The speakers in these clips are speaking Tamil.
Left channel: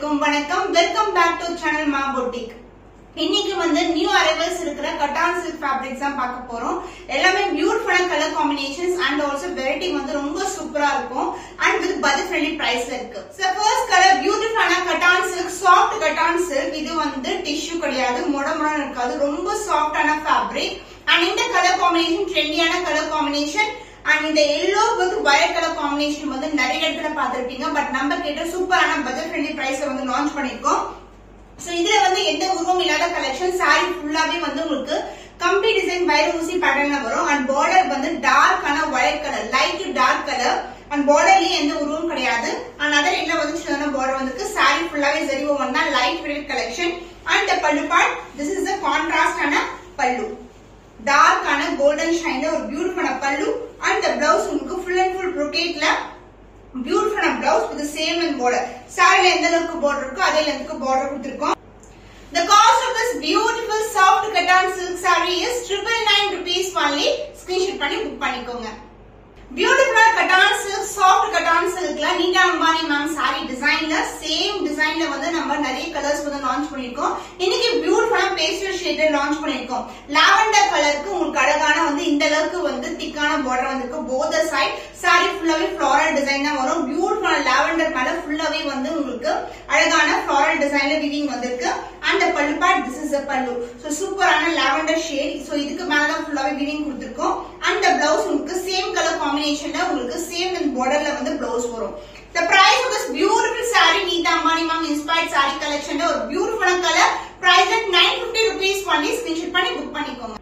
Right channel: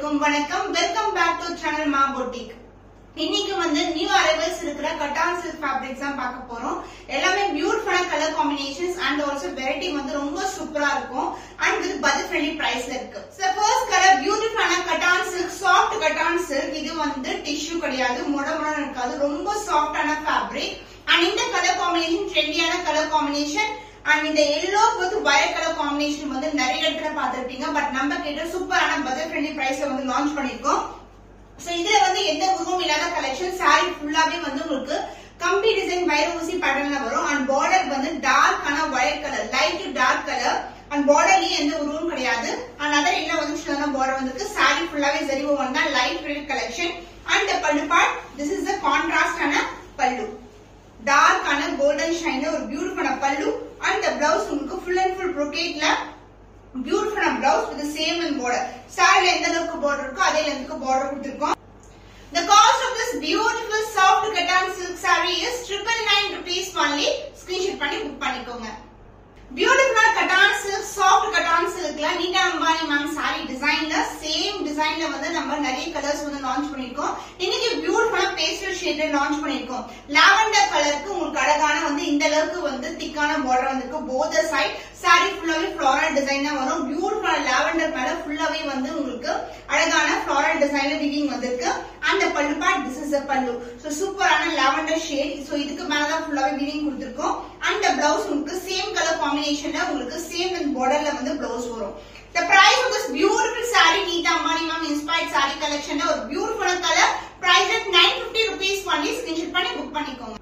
அனைவருக்கும் வணக்கம். வெல்கம் பேக் டு சேனல் மா பொட்டிக். இன்னைக்கு வந்து நியூ அரைவல்ஸ் இருக்கிற கட்டான் சில்க் ஃபேப்ரிக்ஸ் தான் பார்க்க போறோம். எல்லாமே பியூட்டிஃபுல்லான colour combinations and also variety வந்து ரொம்ப சூப்பரா இருக்கும் அண்ட் வித் பட்ஜெட் ஃப்ரெண்ட்லி பிரைஸ்ல இருக்கு. சோ ஃபர்ஸ்ட் கலர் பியூட்டிஃபுல்லான cotton silk, soft cotton silk. இது வந்து டிஷ்யூ கிடையாது, மொடமொடன்னு இருக்காது, ரொம்ப சாஃப்டான ஃபேப்ரிக். அண்ட் இந்த கலர் காம்பினேஷன் ட்ரெண்டியான கலர் காம்பினேஷன். அண்ட் இந்த yellow with violet colour combination வந்து நிறைய இடத்துல பாத்துருப்பீங்க. பட் நம்ம கிட்ட சூப்பரான பட்ஜெட் ஃப்ரெண்ட்லி பிரைஸ்ல வந்து லான்ச் பண்ணிருக்கோம். சோ இதுல வந்து எந்த உருவம் இல்லாத கலெக்ஷன். சாரி ஃபுல்லாவே வந்து உங்களுக்கு கம்பி டிசைன் வயர் ஊசி பேட்டர்ன்ல வரும். அண்ட் பார்டர் வந்து டார்க்கான violet colour, light dark colour. And பார்டர்லயே எந்த உருவம் கிடையாது. அண்ட் அதர் என்ன வந்து பார்டர் வந்துருக்கு. சாரி ஃபுல்லாவே சரி ஒன் தான் light weight collection. And pallu part, this is the கான்ட்ராஸ்டான பல்லு. டார்க்கான கோல்டன் ஷைன்ல ஒரு பியூட்டிஃபுல்லான பல்லு. அண்ட் பிளவுஸ் உங்களுக்கு ஃபுல் அண்ட் ஃபுல் brocade-ல பியூட்டிஃபுல்லான blouse with same and border. சாரில எந்த அளவுக்கு பார்டர் இருக்கோ அதே லென்த்க்கு பார்டர் கொடுத்திருக்கோம். The cost of this beautiful soft cotton silk saree is 999 rupees only. Screenshot பண்ணி புக் பண்ணிக்கோங்க. பியூட்டிஃபுல் கட்டான் சில்க், சாஃப்ட் கட்டான் சில்க்ல நீட்டா அம்பானி மேம் சாரி டிசைன்ல சேம் டிசைன்ல வந்து நம்ம நிறைய கலர்ஸ் வந்து லான்ச் பண்ணிருக்கோம். இன்னைக்கு பியூட்டிஃபுல்லா பேஸ்டல் ஷேட்ல லான்ச் பண்ணிருக்கோம். லாவெண்டர் கலருக்கு உங்களுக்கு அழகான வந்து இந்த அளவுக்கு வந்து திக்கான பார்டர் வந்திருக்கு. போத் சைட் சாரி ஃபுல்லாவே ஃப்ளோரல் டிசைன் தான் வரும். பியூட்டிஃபுல் லாவெண்டர் மேல ஃபுல்லாவே வந்து உங்களுக்கு அழகான ஃப்ளோரல் டிசைன்ல வீவிங் வந்திருக்கு. அந்த பல்லு பார்ட், திஸ் இஸ் த பல்லு. சோ சூப்பரான லாவெண்டர் ஷேட். சோ இதுக்கு மேலதான் ஃபுல்லாவே வீவிங் கொடுத்திருக்கோம். அந்த பிளவுஸ் உங்களுக்கு சேம் கலர் காம்பினேஷன்ல உங்களுக்கு சேம் இன் பார்டர்ல வந்து பிளவுஸ் வரும். The price of this beautiful saree, Neeta Ambani ma'am inspired saree collection ல ஒரு beautiful colour, price at 950 rupees only. screenshot பண்ணி புக் பண்ணிக்கோங்க.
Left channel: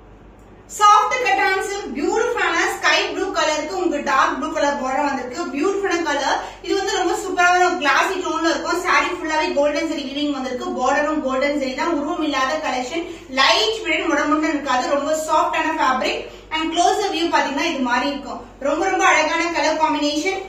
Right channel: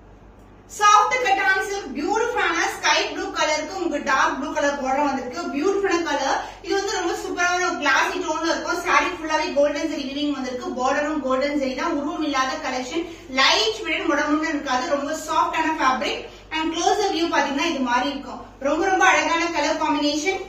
சாஃப்ட் கட்டான் சில்க், பியூட்டிஃபுல்லான ஸ்கை ப்ளூ கலருக்கு உங்களுக்கு டார்க் ப்ளூ கலர் பார்டர் வந்திருக்கு. பியூட்டிஃபுல்லான கலர். இது வந்து ரொம்ப சூப்பரான கிளாசி டோன்ல இருக்கும். சாரி ஃபுல்லாவே கோல்டன் ஜெரி வீவிங் வந்திருக்கு. பார்டரும் கோல்டன் ஜெரி தான். உருவம் இல்லாத கலெக்ஷன். லைட் வெயிட் முடமுன்னு இருக்காது. ரொம்ப சாஃப்டான ஃபேப்ரிக். அண்ட் க்ளோஸ் வியூ பாத்தீங்கன்னா இது மாதிரி இருக்கும். ரொம்ப ரொம்ப அழகான colour combination.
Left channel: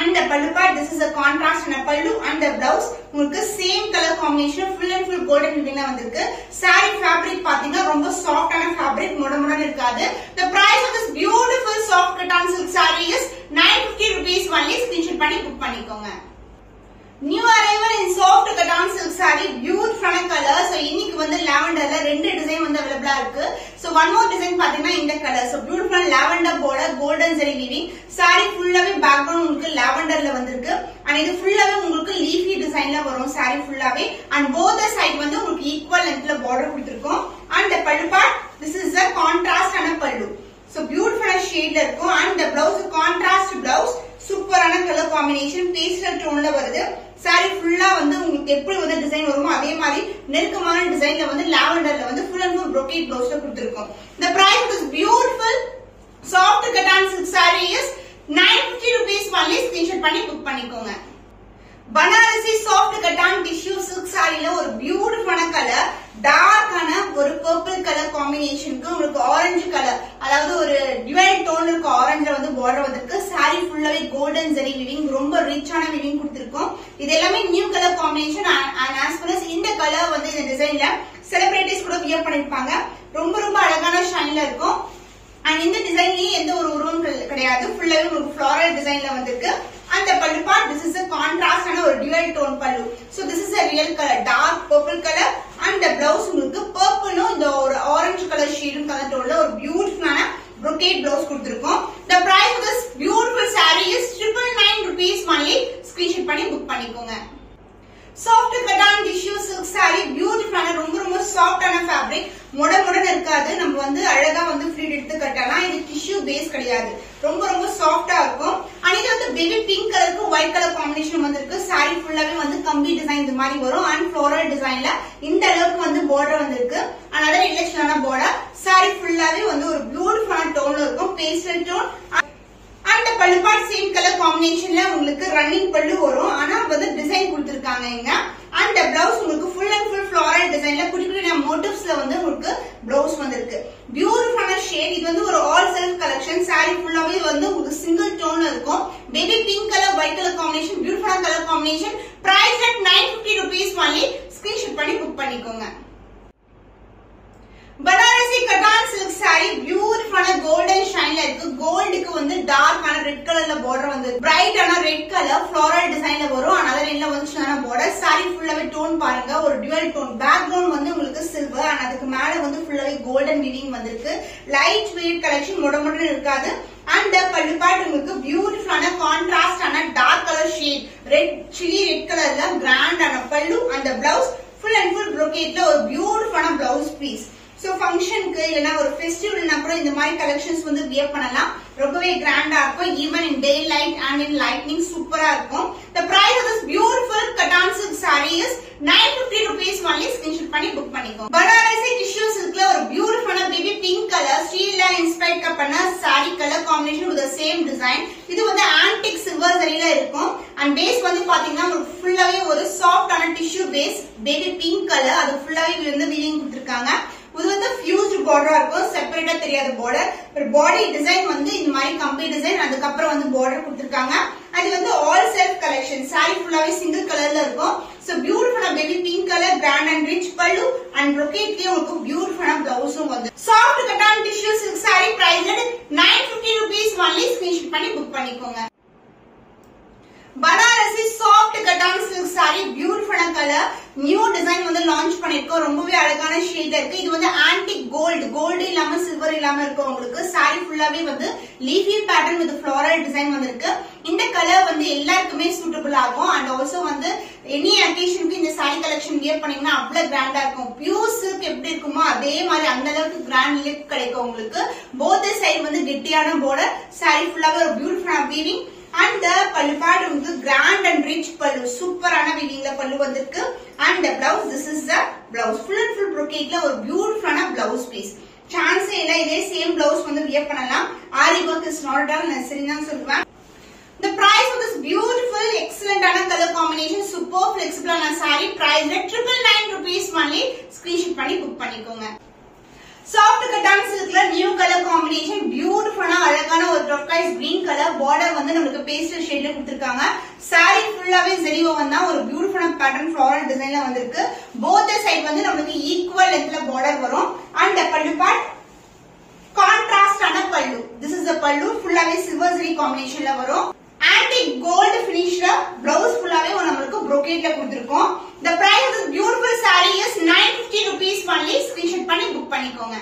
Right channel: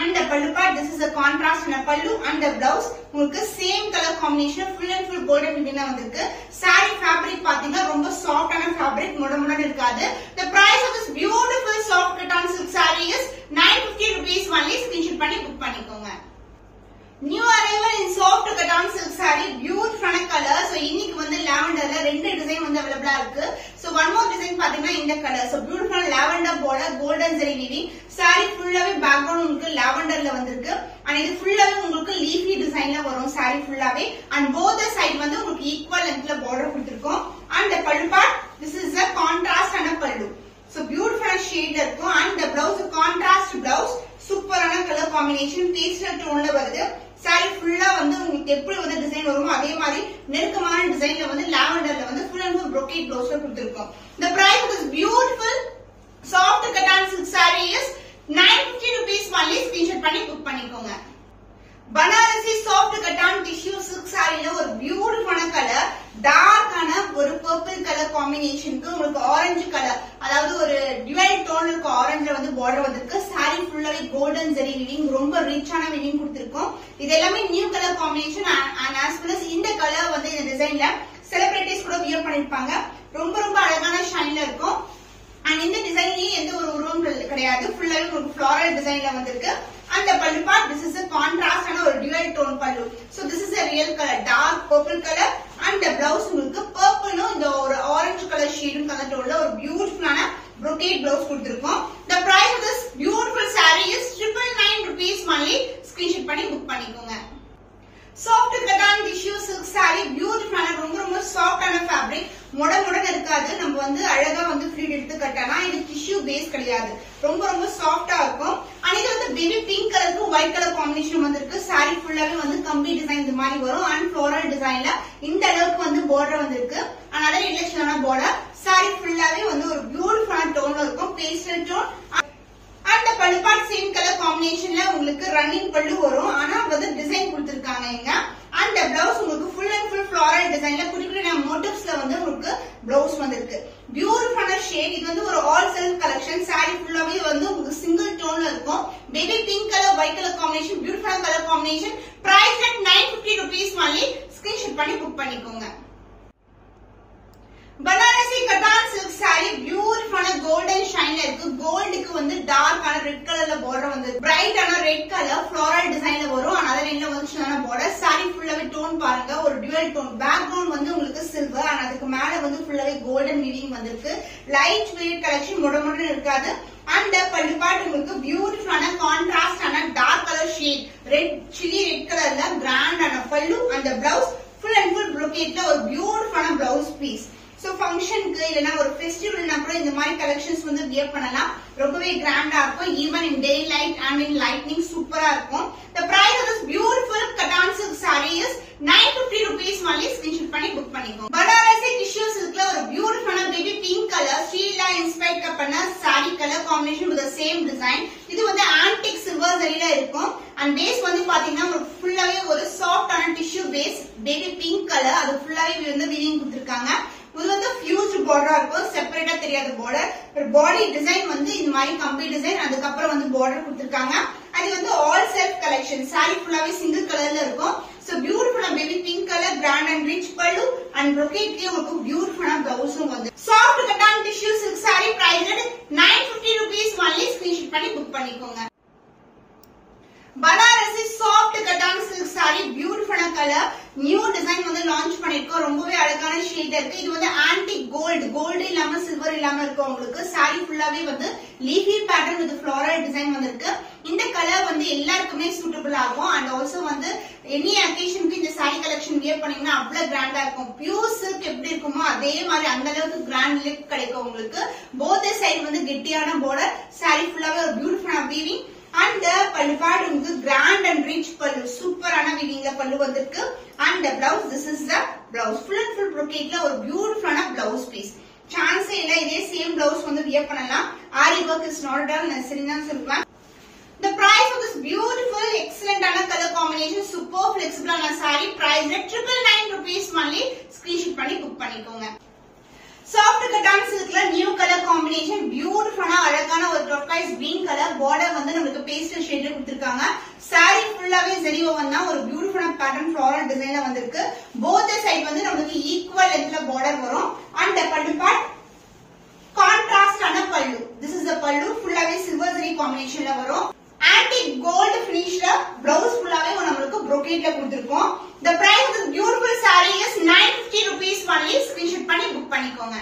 And the pallu part, this is a contrast and a pallu. And the blouse உங்களுக்கு same color combination, full and full golden weaving வந்திருக்கு. saree fabric பாத்தீங்கன்னா ரொம்ப சாஃப்டான fabric, முடமுடன்னு இருக்காது. The price of this beautiful soft cotton silk saree is 950 rupees only. screenshot பண்ணி புக் பண்ணிக்கோங்க. நியூ அரைவல் இன் சாஃப்ட் கட்டான் சில்க் சாரி, பியூட்டிஃபுல்லான கலர். சோ இன்னைக்கு வந்து லாவெண்டர்ல ரெண்டு டிசைன் வந்து அவைலபிளா இருக்கு. சோ ஒன் மோர் டிசைன் பாத்தீங்கன்னா இந்த கலர். சோ பியூட்டிஃபுல்லான லாவெண்டர் போல கோல்டன் ஜெரி வீவிங். சாரி ஃபுல்லாவே பேக்ரவுண்ட் உங்களுக்கு லாவெண்டர்ல வந்திருக்கு. அண்ட் இது ஃபுல்லாவே உங்களுக்கு லீஃபி டிசைன்ல வரும். சாரி ஃபுல்லாவே அண்ட் போத் சைட் வந்து உங்களுக்கு ஈக்குவல் லென்த்ல பார்டர் கொடுத்திருக்கோம். And the pallu part, this is the contrast and a pallu. So beautiful ஷேட்ல இருக்கும். And the blouse contrast blouse, சூப்பரான கலர் காம்பினேஷன், பேஸ்டல் டோன்ல வருது. சாரி ஃபுல்லா வந்து உங்களுக்கு எப்படி வந்து டிசைன் வருமோ அதே மாதிரி நெருக்கமான டிசைன்ல வந்து லாவெண்டர்ல வந்து ஃபுல் அண்ட் ஃபுல் brocade ப்ளவுஸ்ல கொடுத்திருக்கோம். The price of this beautiful soft cotton silk saree is 950 rupees only. screenshot பண்ணி புக் பண்ணிக்கோங்க. Banarasi soft cotton tissue silk சாரில ஒரு பியூட்டிஃபுல்லான கலர், டார்க்கான ஒரு பர்பிள் கலர் காம்பினேஷனுக்கு உங்களுக்கு ஆரஞ்சு கலர், அதாவது ஒரு டிவைட் டோன் இருக்க ஆரஞ்சுல வந்து பார்டர் வந்திருக்கு. சாரி ஃபுல்லாவே கோல்டன் ஜெரி வீவிங், ரொம்ப ரிச்சான வீவிங் கொடுத்திருக்கோம். இது எல்லாமே new colour combination. And as well as இந்த கலர் வந்து இந்த டிசைன்ல செலிபிரிட்டிஸ் கூட வியர் பண்ணிருப்பாங்க. ரொம்ப ரொம்ப அழகான ஷைன்ல இருக்கும். அண்ட் இந்த டிசைன்லயே எந்த ஒரு உருவம் கிடையாது. ஃபுல்லாவே உங்களுக்கு ஃப்ளோரல் டிசைன்ல வந்திருக்கு. And the pallu part, this is a contrast and a dual tone pallu. So this is a real color, dark purple color. And the blouse உங்களுக்கு purple இந்த ஒரு orange color shade கலர் டோன்ல ஒரு பியூட்டிஃபுல்லான brocade blouse கொடுத்திருக்கோம். The price of this beautiful saree is 999 rupees only. screenshot பண்ணி புக் பண்ணிக்கோங்க. Soft cotton tissue silk sari, பியூட்டிஃபுல்லான ரொம்ப ரொம்ப சாஃப்டான ஃபேப்ரிக், முடமுடன் இருக்காது. நம்ம வந்து அழகா வந்து ஃப்ளீட் எடுத்து கட்டலாம். இது டிஷ்யூ பேஸ் கிடையாது, ரொம்ப ரொம்ப சாஃப்டா இருக்கும். அண்ட் இது வந்து பேபி பிங்க் கலருக்கு ஒயிட் கலர் காம்பினேஷன் வந்திருக்கு. சாரி ஃபுல்லாவே வந்து கம்பி டிசைன் இது மாதிரி வரும். அண்ட் ஃப்ளோரல் டிசைன்ல இந்த அளவுக்கு வந்து பார்டர் வந்திருக்கு. அண்ட் அதர் இல்லஸ்டான பார்டர். சாரி ஃபுல்லாவே வந்து ஒரு பியூட்டிஃபுல்லான டோன்ல இருக்கும், பேஸ்டல் டோன். அந்த பல்லு பார்ட் சேம் கலர் காம்பினேஷன்ல உங்களுக்கு ரன்னிங் பல்லு வரும். ஆனா வந்து டிசைன் கொடுத்திருக்காங்க இங்க. அந்த பிளவுஸ் உங்களுக்கு ஃபுல் அண்ட் ஃபுல் ஃப்ளோரல் டிசைன்ல குட்டி குட்டி மோட்டிவ்ஸ்ல வந்து உங்களுக்கு பிளவுஸ் வந்திருக்கு. பியூட்டிஃபுல்லான ஷேட். இது வந்து ஒரு ஆல் செல்ஃப் கலெக்ஷன். சாரி ஃபுல்லாவே வந்து உங்களுக்கு சிங்கிள் டோன்ல இருக்கும். Baby pink colour white colour combination, பியூட்டிஃபுல்லான colour combination. Price at 950 rupees only. Screenshot பண்ணி புக் பண்ணிக்கோங்க. பனாரசி கட்டான் சில்க் சாரி, பியூட்டிஃபுல்லான கோல்டன் ஷைன்ல இருக்கு. கோல்டுக்கு வந்து டார்க்கான ரெட் கலர்ல பார்டர் வந்து பிரைட்டான ரெட் கலர் ஃப்ளோரல் டிசைன்ல வரும். அதனால லைன்ல வந்து சின்ன border. Saree ஃபுல்லாவே டோன் பாருங்க, ஒரு டுவல் டோன். பேக்ரவுண்ட் வந்து உங்களுக்கு சில்வர் and அதுக்கு மேல வந்து ஃபுல்லாவே கோல்டன் வீவிங் வந்திருக்கு. லைட் வெயிட் கலெக்ஷன் மொடமொடன்னு இருக்காது. And பல்லு பார்ட் உங்களுக்கு பியூட்டிஃபுல்லான கான்ட்ராஸ்ட் ஆன dark colour shade, red chilli red கலர்ல கிராண்ட் ஆன pallu and blouse full and full brocade ஒரு பியூட்டிஃபுல்லான பிளவுஸ் பீஸ். சோ ஃபங்க்ஷனுக்கு இல்லனா ஒரு ஃபெஸ்டிவல்னா கூட இந்த மாதிரி கலெக்ஷன்ஸ் வந்து வியர் பண்ணலாம். ரொம்பவே கிராண்டா இருக்கும். Even in day light and in lightning சூப்பரா இருக்கும். The price of this beautiful cotton silk saree is 950 rupees only. Screenshot பண்ணி புக் பண்ணிக்கோங்க. பனாரசி டிஷ்யூ சில்க்ல ஒரு பியூட்டிஃபுல்லான பேபி பிங்க் கலர் ஸ்டீல்ல இன்ஸ்பயர்ட் பண்ண saree colour combination with the same design. இது வந்து ஆன்டிக் சில்வர் ஜரியில இருக்கும். அண்ட் பேஸ் வந்து பாத்தீங்கன்னா ஃபுல்லாவே ஒரு சாஃப்டான tissue base baby pink colour, அது ஃபுல்லாவே வந்து வீவிங் கொடுத்திருக்காங்க. இது வந்து ஃபியூஸ்ட் பார்டரா இருக்கும், செப்பரேட்டா தெரியாத பார்டர். பாடி டிசைன் வந்து இந்த மாதிரி கம்பி டிசைன், அதுக்கப்புறம் வந்து பார்டர் கொடுத்திருக்காங்க. அது வந்து ஆல் செல்ஃப் கலெக்ஷன். சாரி ஃபுல்லாவே சிங்கிள் கலர்ல இருக்கும். சோ பியூட்டிஃபுல்லா baby pink colour, grand and rich pallu and brocade உங்களுக்கு பியூட்டிஃபுல்லா பிளவுஸும் வந்து. Soft cotton tissue silk sari price 950 rupees only. Screenshot பண்ணி புக் பண்ணிக்கோங்க. Banarasi soft cotton silk sari பியூட்டிஃபுல்லான கலர், நியூ டிசைன் வந்து லான்ச் பண்ணிருக்கோம். ரொம்பவே அழகான ஷேட் இருக்கு. இது வந்து ஆன்டிக் கோல்டு இல்லாம சில்வர் இல்லாம இருக்கும். உங்களுக்கு சாரி ஃபுல்லாவே வந்து leafy pattern with floral design வந்திருக்கு. இந்த கலர் வந்து எல்லாருக்குமே சூட்டபிள் ஆகும். அண்ட் ஆல்சோ வந்து எனி அக்கேஷனுக்கு இந்த சாரி கலெக்ஷன் வியர் பண்ணீங்கன்னா அவ்வளவு கிராண்டா இருக்கும். பியூர் சில்க் எப்படி இருக்குமோ அதே மாதிரி அந்த அளவுக்கு கிராண்ட் லுக் கிடைக்கும் உங்களுக்கு. போத் சைடு வந்து கெட்டியான பார்டர், சாரி ஃபுல்லாவே ஒரு பியூட்டிஃபுல்லான வீவிங். And பல்லு பார்ட் உங்களுக்கு கிராண்ட் அண்ட் ரிச் பல்லு, சூப்பரான வீவிங்ல பல்லு வந்திருக்கு. And the blouse, this is the blouse. Full and full brocade ஒரு பியூட்டிஃபுல்லான blouse piece. சான்ஸே இல்ல, இதே சேம் blouse வந்து வியர் பண்ணலாம். ஆரி work is not done necessary தான் சொல்லுவேன். The price of this beautiful excellent ஆன color combination, super flexible ஆன saree price 999 rupees only. Screenshot பண்ணி புக் பண்ணிக்கோங்க. சாஃப்ட் கட்டான் சில்க்ல நியூ கலர் காம்பினேஷன், பியூட்டிஃபுல்லான அழகான ஒரு டர்காய்ஸ் கிரீன் கலர், பார்டர் வந்து நமக்கு பேஸ்டல் ஷேட்ல கொடுத்திருக்காங்க. சாரி ஃபுல்லாவே ஜரி ஓவன் தான், ஒரு பியூட்டிஃபுல்லான பேட்டர்ன் ஃப்ளோரல் டிசைன்ல வந்திருக்கு. போத் சைடு வந்து நமக்கு ஈக்குவல் லென்த்ல பார்டர் வரும். அண்ட் பல்லு பார்ட் கான்ட்ராஸ்ட் ஆன பல்லு. திஸ் இஸ் த பல்லு, ஃபுல்லாவே சில்வர் ஜரி காம்பினேஷன்ல வரும். ஆன்டிக் கோல்டு பினிஷ்ல பிளவுஸ் ஃபுல்லாவே நமக்கு brocade கொடுத்திருக்கோம். The price of this beautiful saree is 950 rupees only. Screenshot பண்ணி புக் பண்ணிக்கோங்க.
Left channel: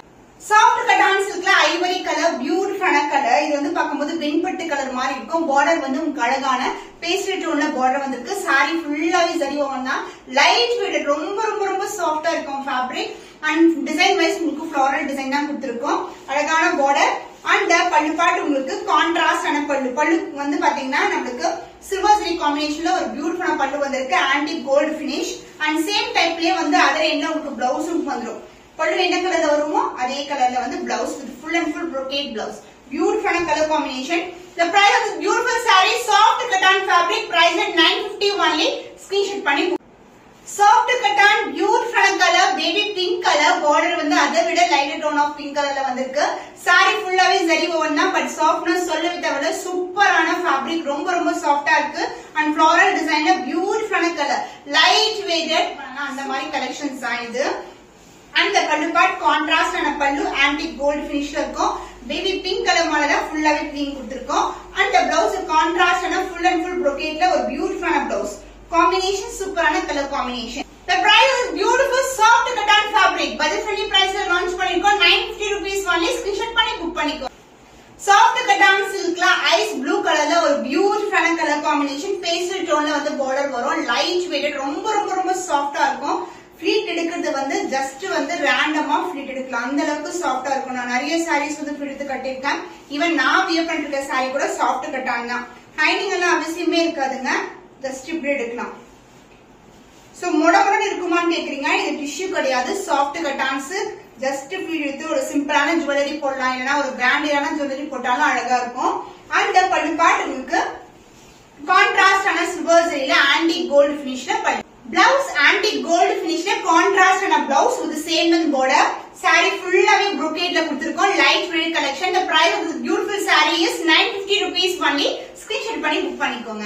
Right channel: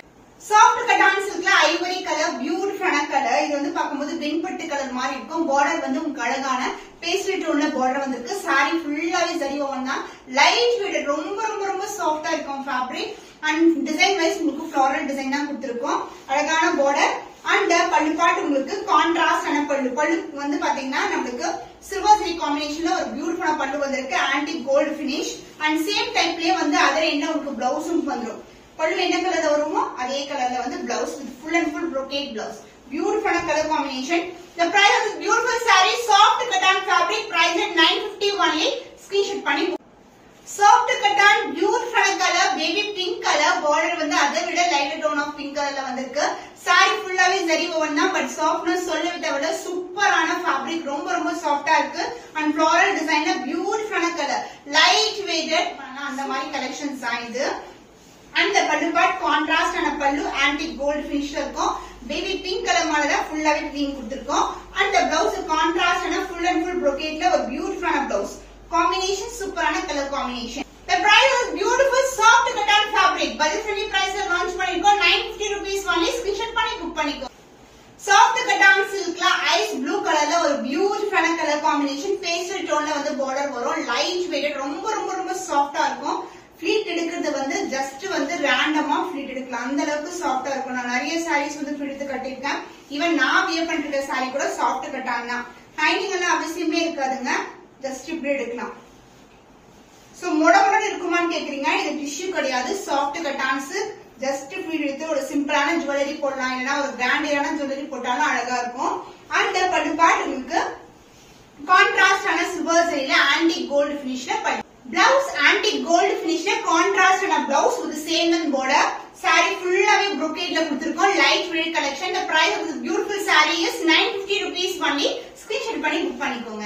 சாஃப்ட் கட்டான் சில்க்ல ஐவரி கலர், பியூட்டிஃபுல்லான கலர். இது வந்து பார்க்கும்போது வெண்பட்டு கலர் மாதிரி இருக்கும். பார்டர் வந்து உங்களுக்கு அழகான பேஸ்டல் டோன்ல பார்டர் வந்திருக்கு. சாரி ஃபுல்லாவே ஜரி ஓவன் தான், லைட் வெயிட், ரொம்ப ரொம்ப ரொம்ப சாஃப்டா இருக்கும் ஃபேப்ரிக். அண்ட் டிசைன் வைஸ் உங்களுக்கு ஃப்ளோரல் டிசைன் தான் கொடுத்திருக்கோம். அழகான பார்டர். அண்ட் பல்லு பார்ட் உங்களுக்கு கான்ட்ராஸ்ட் ஆன பல்லு வந்து பாத்தீங்கன்னா நம்மளுக்கு சில்வர் ஜரி காம்பினேஷன்ல ஒரு பியூட்டிஃபுல்லான பல்லு வந்திருக்கு. Antique gold finish and same டைப்லயே வந்து அதர் என்ன உங்களுக்கு பிளவுஸும் வந்துடும். பல்லு என்ன கலர்ல வருமோ அதே கலர்ல வந்து blouse with full and full brocade blouse. பியூட்டிஃபுல்லான colour combination. The price of this beautiful saree, soft cotton fabric, price at 950 only. Screenshot பண்ணி சாஃப்ட் கட்டான் பியூட்டிஃபுல்லான colour, baby pink colour, border வந்து அதை விட லைட் டோன் ஆஃப் பிங்க் கலர்ல வந்திருக்கு. சாரி ஃபுல்லாவே ஜரி ஓவன் தான், பட் சாஃப்ட்னஸ் சொல்லவே விட சூப்பரான ஃபேப்ரிக், ரொம்ப ரொம்ப சாஃப்டா இருக்கு. அண்ட் ஃப்ளோரல் டிசைன்ல பியூட்டிஃபுல்லான கலர், லைட் வெயிட்டட் அந்த மாதிரி கலெக்ஷன்ஸ் தான் இது. அண்ட் பல்லு பார்ட் கான்ட்ராஸ்ட் ஆன பல்லு, ஆன்டிக் கோல்டு பினிஷ்ல இருக்கும். பேபி பிங்க் கலர் மேல தான் ஃபுல்லாவே கிரீன் கொடுத்திருக்கோம். அண்ட் பிளவுஸ் கான்ட்ராஸ்ட் ஆன ஃபுல் அண்ட் ஃபுல் brocade ஒரு பியூட்டிஃபுல்லான பிளவுஸ் காம்பினேஷன், சூப்பரான colour combination. The price is beautiful soft cotton fabric. budget friendly price ல லான்ச் பண்ணிருக்கோம். 950 rupees only. ஸ்கிரீன்ஷாட் பண்ணி புக் பண்ணிக்கோ. சாஃப்ட் கட்டான் சில்க்ல ஐஸ் ப்ளூ கலர்ல ஒரு பியூட்டிஃபுல்லான கலர் காம்பினேஷன், பேஸ்டல் டோன்ல வந்து பார்டர் வரும். லைட் வெயிட், ரொம்ப ரொம்ப ரொம்ப சாஃப்டா இருக்கும். ஃபிளீட் எடுக்கிறது வந்து ஜஸ்ட் வந்து ரேண்டமா ஃபிளீட் எடுக்கலாம், அந்த அளவுக்கு சாஃப்டா இருக்கும். நான் நிறைய சாரீஸ் வந்து ஃபிளீட் எடுத்து கட்டிருக்கேன். ஈவன் நான் வியர் பண்ணிட்டு இருக்க சாரி கூட சாஃப்ட் கட்டான் தான். ஹைனிங் எல்லாம் அவசியமே இருக்காதுங்க, ஜஸ்ட் இப்படி எடுக்கலாம். சோ மொடமொடன்னு இருக்குமான்னு கேக்குறீங்க, இது டிஷ்யூ கிடையாது, சாஃப்ட் கட்டான்ஸ். ஜஸ்ட் ஃபீல் எடுத்து ஒரு சிம்பிளான ஜுவல்லரி போடலாம், இல்லைன்னா ஒரு பிராண்டடான ஜுவல்லரி போட்டாலும் அழகா இருக்கும். அந்த பல்லு பார்ட் உங்களுக்கு கான்ட்ராஸ்ட் ஆன சில்வர் ஜரியில ஆன்டிக் கோல்டு பினிஷ்ல பல்லு. பிளவுஸ் ஆன்டிக் கோல்டு பினிஷ்ல கான்ட்ராஸ்ட் ஆன blouse with same and border. Sari ஃபுல்லாவே brocade கொடுத்திருக்கோம். Light weight collection. The price of this beautiful saree is 950 rupees only. Screenshot பண்ணி புக் பண்ணிக்கோங்க.